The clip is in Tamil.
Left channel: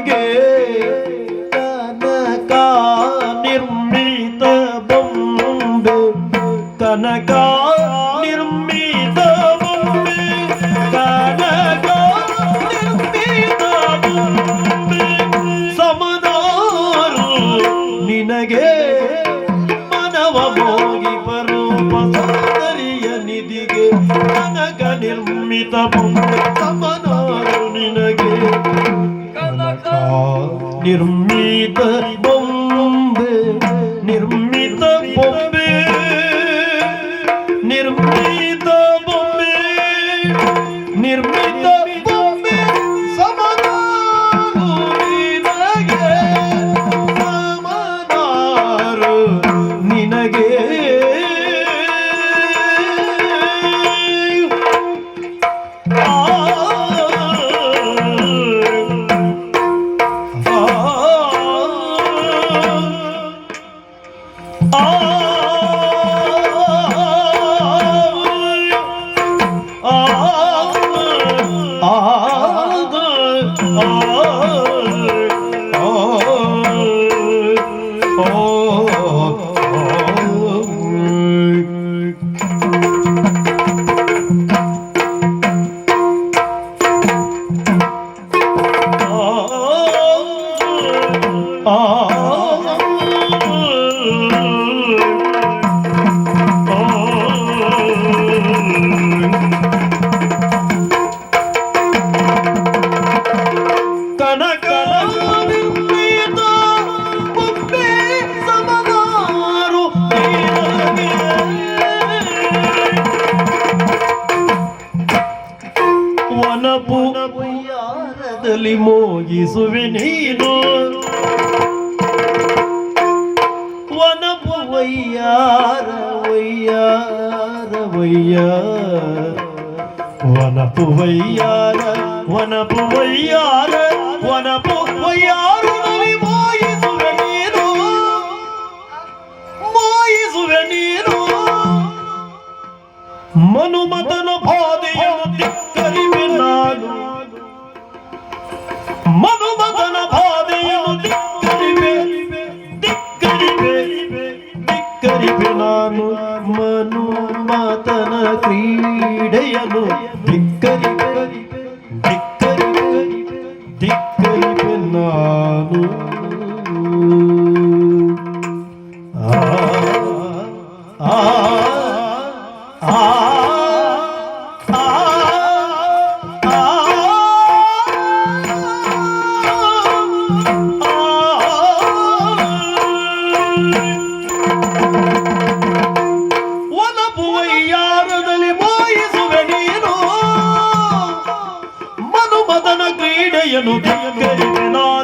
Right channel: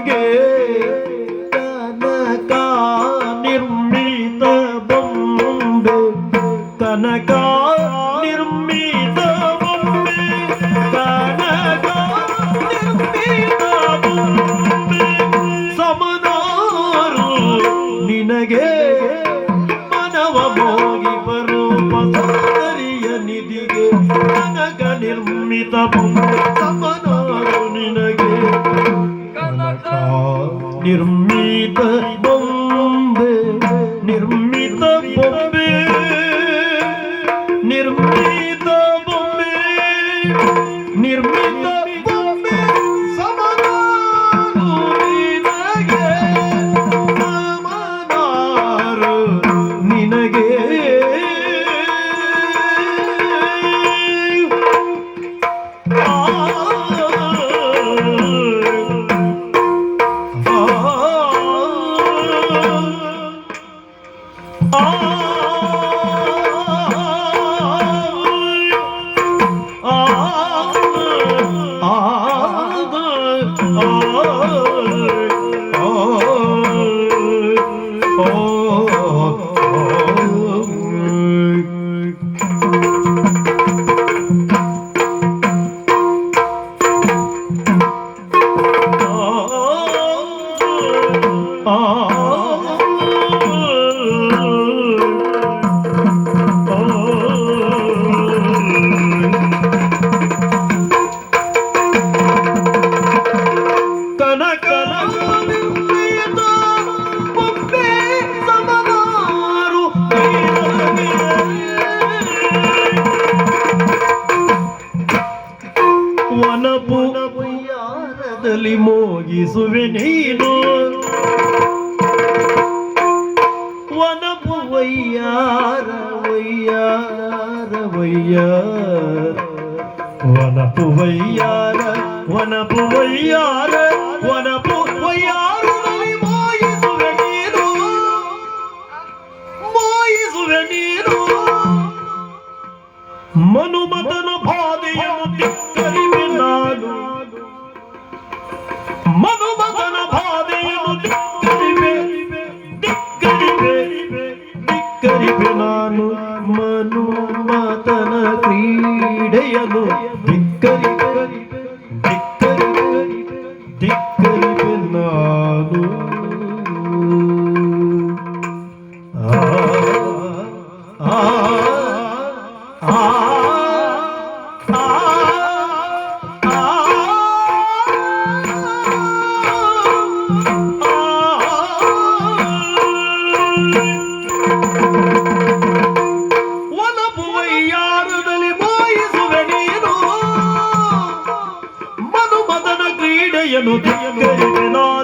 तनका निर्मि तनका நிர்மித பொம்பு நிர்மித பொம்பு நிர்மித பொம்பு நிர்மித சமதே நினகே isuvenino wana bhuvaya ravaya ravaya wana bhuvaya wana bhuvaya wana bhuvaya लु लग्मनु मतन क्रीडयनु no dia do menor.